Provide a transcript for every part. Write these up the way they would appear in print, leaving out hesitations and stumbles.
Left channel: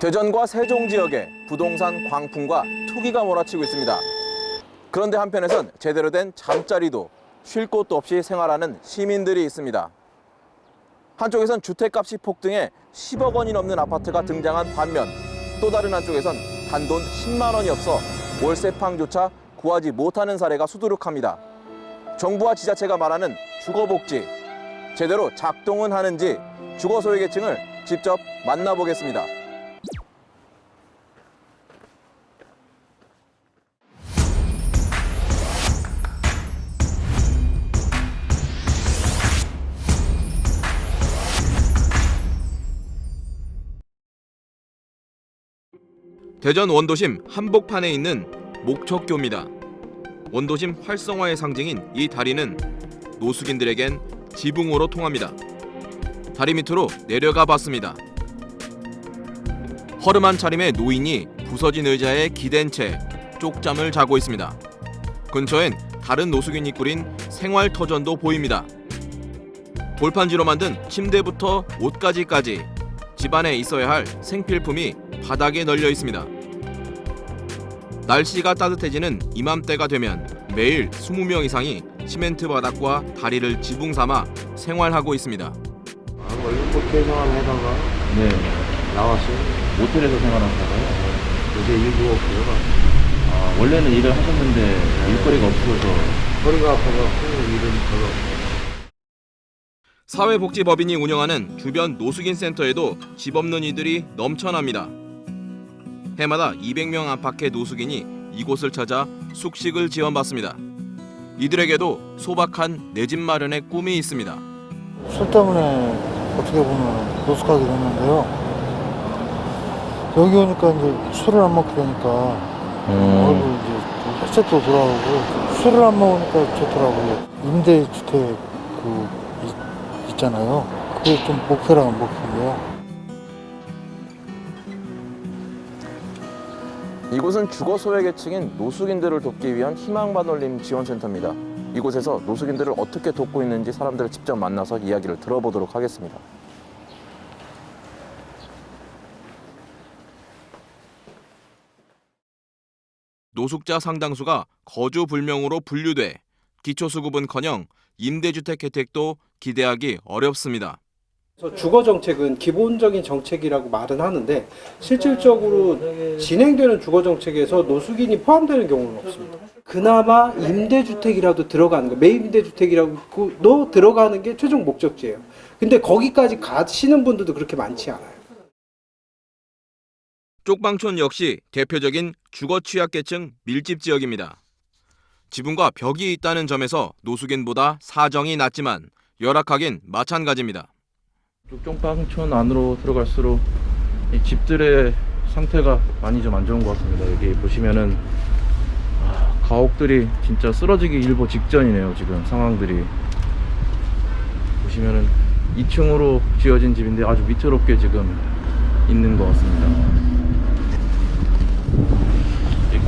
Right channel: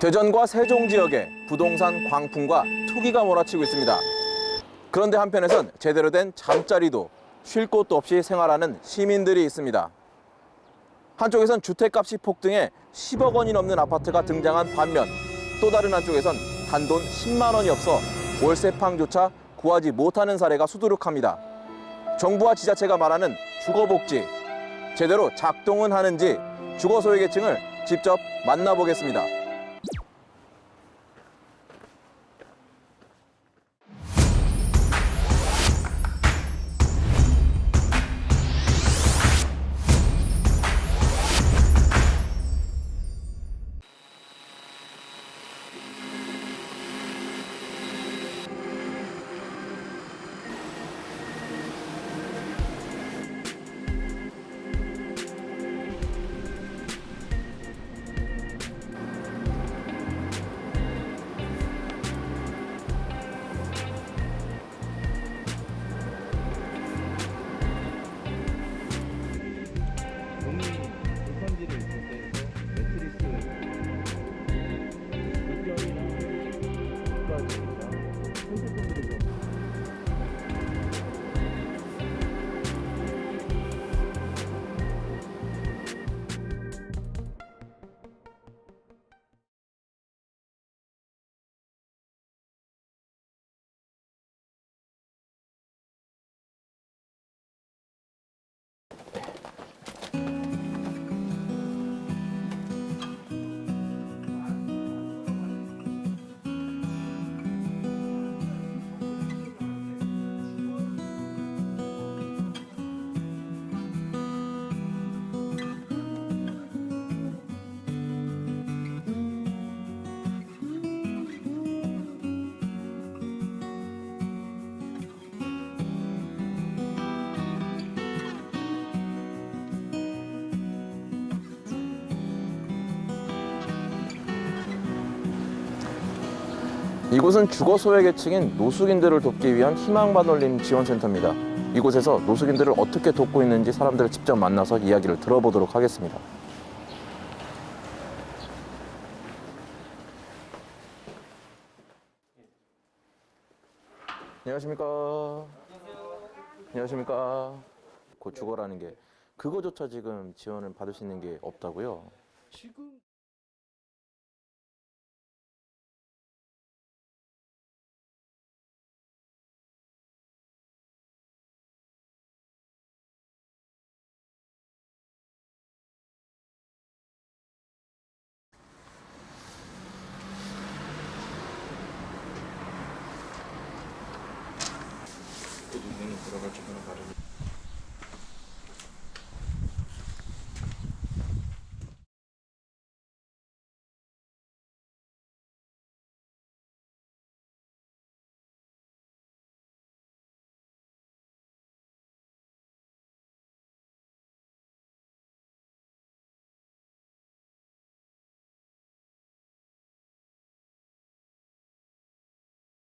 대전과 세종 지역에 부동산 광풍과 투기가 몰아치고 있습니다. 그런데 한편에선 제대로 된 잠자리도 쉴 곳도 없이 생활하는 시민들이 있습니다. 한쪽에선 주택값이 폭등해 10억 원이 넘는 아파트가 등장한 반면 또 다른 한쪽에선 단돈 10만 원이 없어 월세방조차 구하지 못하는 사례가 수두룩합니다. 정부와 지자체가 말하는 주거복지, 제대로 작동은 하는지 주거 소외계층을 직접 만나보겠습니다. 대전 원도심 한복판에 있는 목척교입니다. 원도심 활성화의 상징인 이 다리는 노숙인들에겐 지붕으로 통합니다. 다리 밑으로 내려가 봤습니다. 허름한 차림의 노인이 부서진 의자에 기댄 채 쪽잠을 자고 있습니다. 근처엔 다른 노숙인이 꾸린 생활터전도 보입니다. 골판지로 만든 침대부터 옷가지까지 집안에 있어야 할 생필품이 바닥에 널려 있습니다. 날씨가 따뜻해지는 이맘때가 되면 매일 20명 이상이 시멘트 바닥과 다리를 지붕 삼아 생활하고 있습니다. 원래 호텔 생활하다가 나왔어요. 모텔에서 생활하다가요? 요새 일도 없고요. 원래는 일을 하셨는데 일거리가 없어서 허리가 아파갖고 일은 별로. 사회복지법인이 운영하는 주변 노숙인 센터에도 집 없는 이들이 넘쳐납니다. 해마다 200명 안팎의 노숙인이 이곳을 찾아 숙식을 지원받습니다. 이들에게도 소박한 내 집 마련의 꿈이 있습니다. 술 때문에 어떻게 보면 노숙하게 됐는데요. 여기 오니까 이제 술을 안 먹게 되니까 얼굴 이제 혈색도 돌아오고 술을 안 먹으니까 좋더라고요. 임대주택 있잖아요. 그게 좀 목표라는 목표인데요. 이곳은 주거 소외계층인 노숙인들을 돕기 위한 희망반올림 지원센터입니다. 이곳에서 노숙인들을 어떻게 돕고 있는지 사람들을 직접 만나서 이야기를 들어보도록 하겠습니다. 노숙자 상당수가 거주 불명으로 분류돼 기초수급은커녕 임대주택 혜택도 기대하기 어렵습니다. 주거 정책은 기본적인 정책이라고 말은 하는데 실질적으로 진행되는 주거 정책에서 노숙인이 포함되는 경우는 없습니다. 그나마 임대주택이라도 들어가는 거, 매입임대주택이라고 들어가는 게 최종 목적지예요. 근데 거기까지 가시는 분들도 그렇게 많지 않아요. 쪽방촌 역시 대표적인 주거 취약계층 밀집 지역입니다. 지붕과 벽이 있다는 점에서 노숙인보다 사정이 낮지만 열악하긴 마찬가지입니다. 쪽방촌 안으로 들어갈수록 이 집들의 상태가 많이 좀 안 좋은 것 같습니다. 여기 보시면은 가옥들이 진짜 쓰러지기 일보 직전이네요. 지금 상황들이 보시면은 2층으로 지어진 집인데 아주 위태롭게 지금 있는 것 같습니다.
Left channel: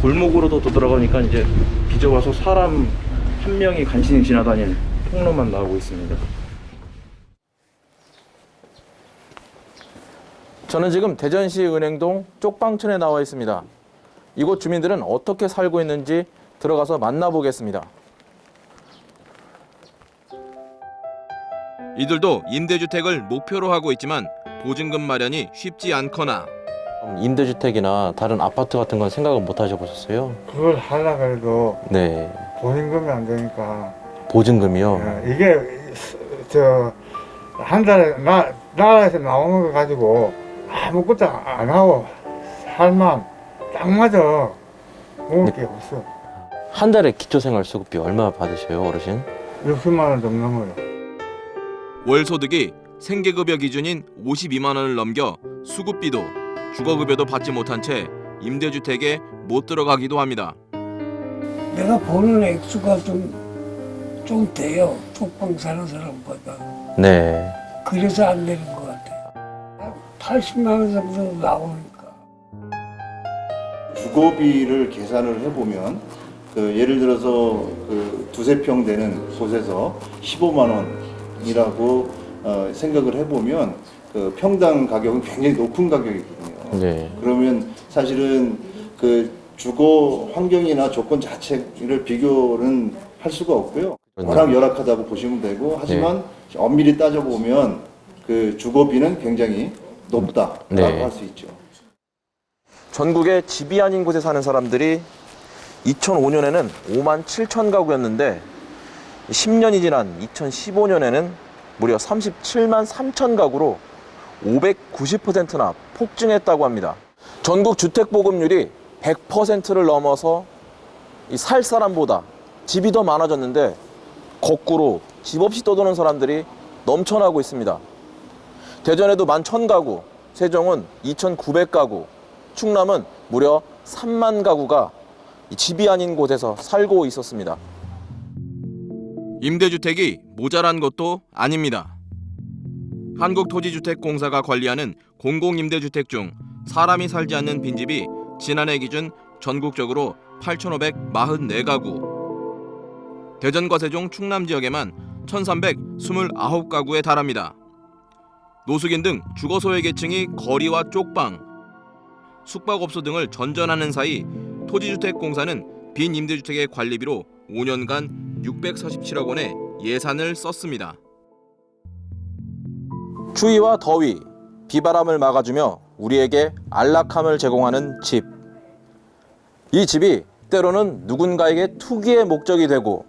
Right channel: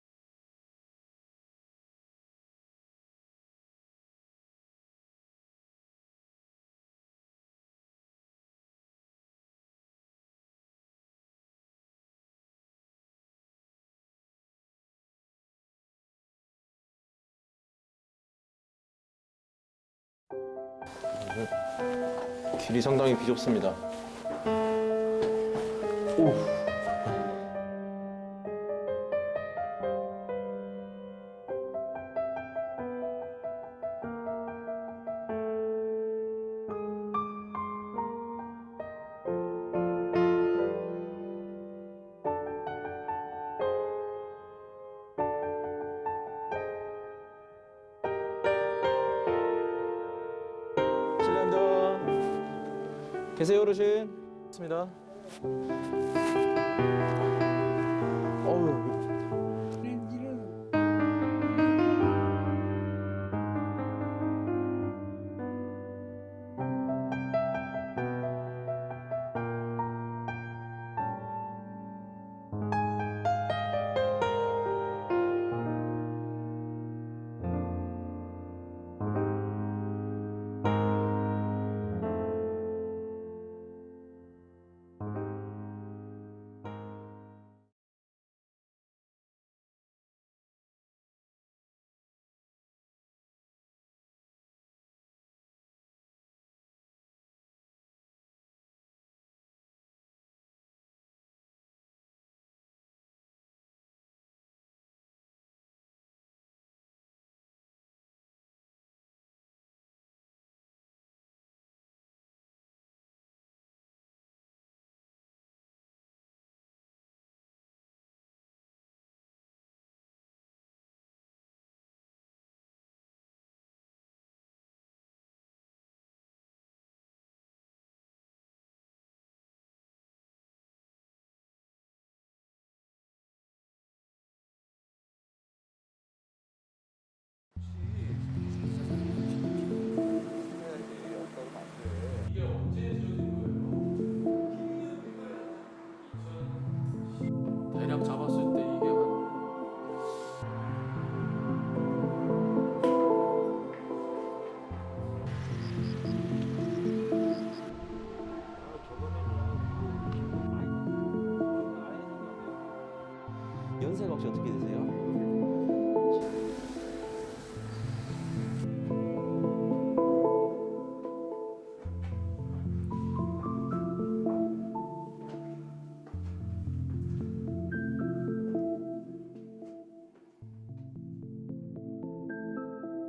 골목으로도 또 들어가니까 이제 빚어와서 사람 한 명이 간신히 지나다닐 통로만 나오고 있습니다. 저는 지금 대전시 은행동 쪽방촌에 나와 있습니다. 이곳 주민들은 어떻게 살고 있는지 들어가서 만나보겠습니다. 이들도 임대주택을 목표로 하고 있지만 보증금 마련이 쉽지 않거나 임대주택이나 다른 아파트 같은 건 생각을 못 하셔보셨어요? 그걸 하려고 해도 네. 보증금이 안 되니까. 보증금이요? 이게 한 달에 나라에서 나오는 거 가지고 아무것도 안 하고 살만 딱 맞아. 먹을 게 없어. 한 달에 기초생활수급비 얼마 받으세요, 어르신? 60만 원 좀 넘어요. 월 소득이 생계급여 기준인 52만 원을 넘겨 수급비도 주거급여도 받지 못한 채 임대주택에 못 들어가기도 합니다. 내가 버는 액수가 좀 돼요. 쪽방 사는 사람보다. 네. 그래서 안 되는 것 같아요. 80만 원 정도 나오니까. 주거비를 계산을 해보면 예를 들어서 두세 평 되는 곳에서 15만 원이라고 생각을 해보면 그 평당 가격은 굉장히 높은 가격이거든요. 네. 그러면 사실은 그 주거 환경이나 조건 자체를 비교는 할 수가 없고요. 워낙 열악하다고 보시면 되고, 하지만 엄밀히 따져보면 그 주거비는 굉장히 높다라고 네. 할 수 있죠. 전국에 집이 아닌 곳에 사는 사람들이 2005년에는 5만 7천 가구였는데 10년이 지난 2015년에는 무려 37만 3천 가구로 590%나 폭증했다고 합니다. 전국 주택 보급률이 100%를 넘어서 이 살 사람보다 집이 더 많아졌는데 거꾸로 집 없이 떠도는 사람들이 넘쳐나고 있습니다. 대전에도 11,000가구, 세종은 2,900가구, 충남은 무려 3만 가구가 집이 아닌 곳에서 살고 있었습니다. 임대주택이 모자란 것도 아닙니다. 한국토지주택공사가 관리하는 공공임대주택 중 사람이 살지 않는 빈집이 지난해 기준 전국적으로 8,544가구, 대전과 세종, 충남 지역에만 1,329가구에 달합니다. 노숙인 등 주거 소외 계층이 거리와 쪽방, 숙박업소 등을 전전하는 사이 토지주택공사는 빈 임대주택의 관리비로 5년간 647억 원의 예산을 썼습니다. 추위와 더위, 비바람을 막아주며 우리에게 안락함을 제공하는 집. 이 집이 때로는 누군가에게 투기의 목적이 되고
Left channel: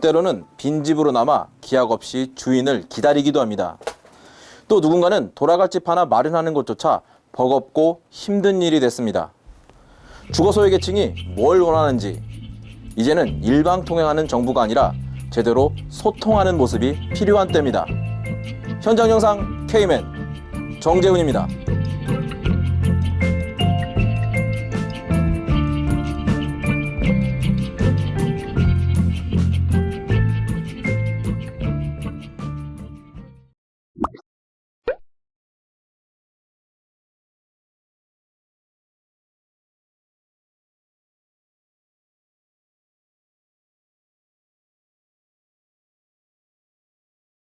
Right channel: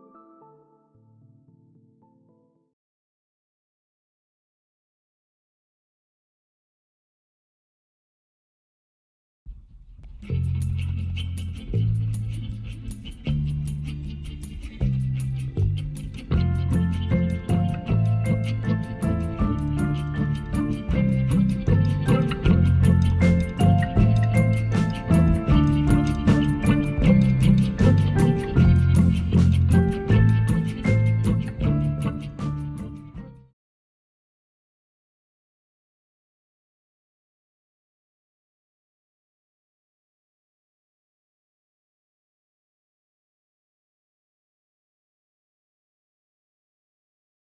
때로는 빈집으로 남아 기약 없이 주인을 기다리기도 합니다. 또 누군가는 돌아갈 집 하나 마련하는 것조차 버겁고 힘든 일이 됐습니다. 주거소외 계층이 뭘 원하는지 이제는 일방통행하는 정부가 아니라 제대로 소통하는 모습이 필요한 때입니다. 현장 영상 K맨 정재훈입니다.